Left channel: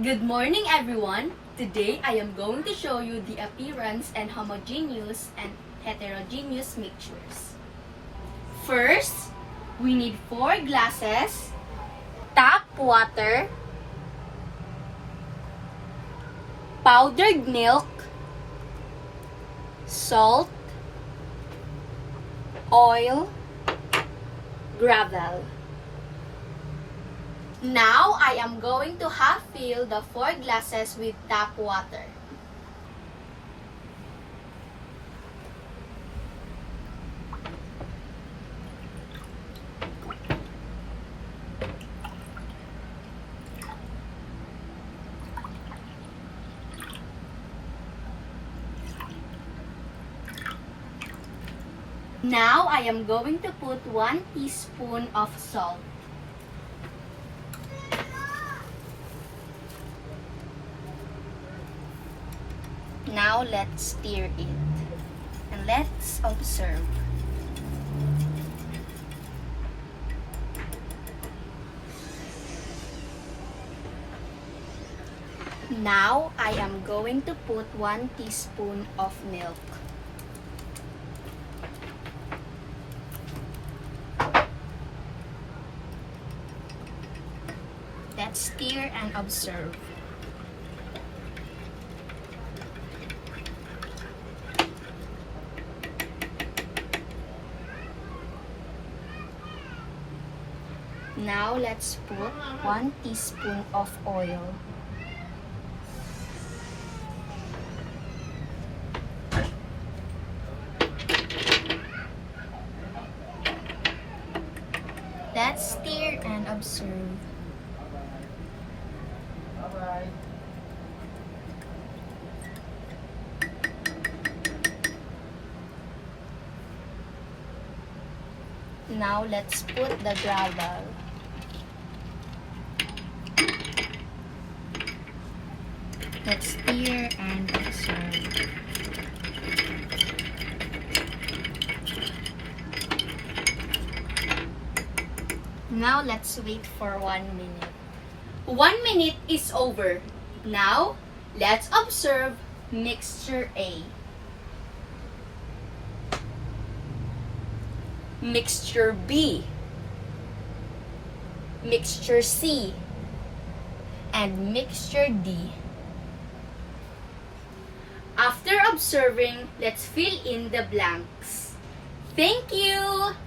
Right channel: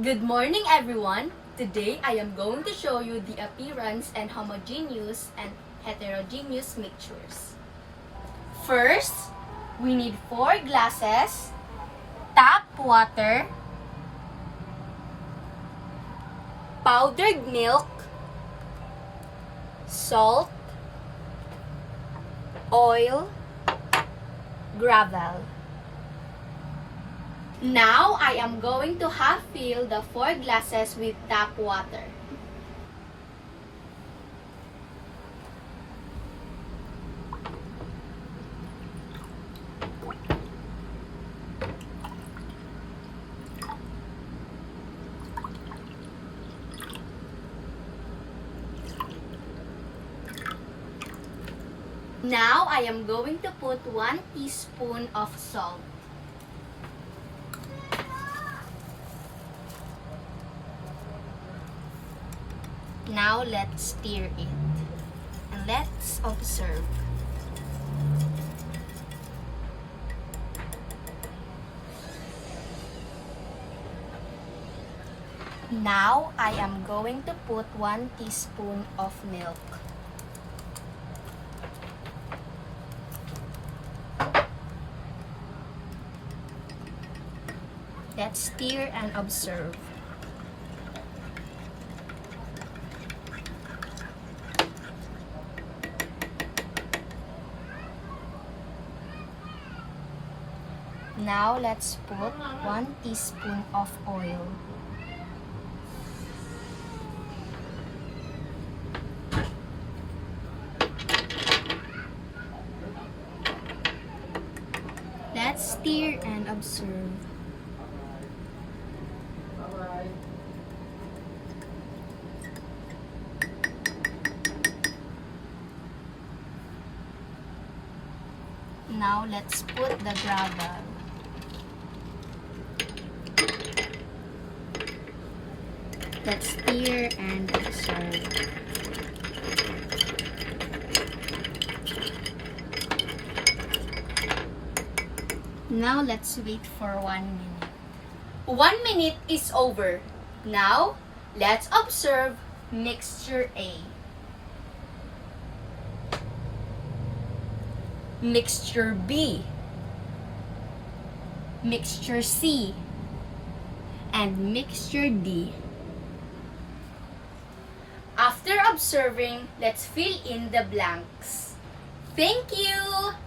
Good morning, everyone. Today, I am going to show you the appearance and homogeneous and heterogeneous mixtures. First, we need 4 glasses, tap water, powdered milk, salt, oil, gravel. Now, I am going to half fill the 4 glasses with tap water. Now, I am going to put 1 teaspoon of salt. Now, let's stir it. And let's observe. Now, I am going to put 1 teaspoon of milk. Let's stir and observe. Now, let's put 1 teaspoon of oil. Let's stir and observe. Now, let's put the gravel. Let's stir and observe. Now, let's wait for 1 minute. 1 minute is over. Now, let's observe mixture A. Mixture B, mixture C, and mixture D. After observing, let's fill in the blanks. Thank you!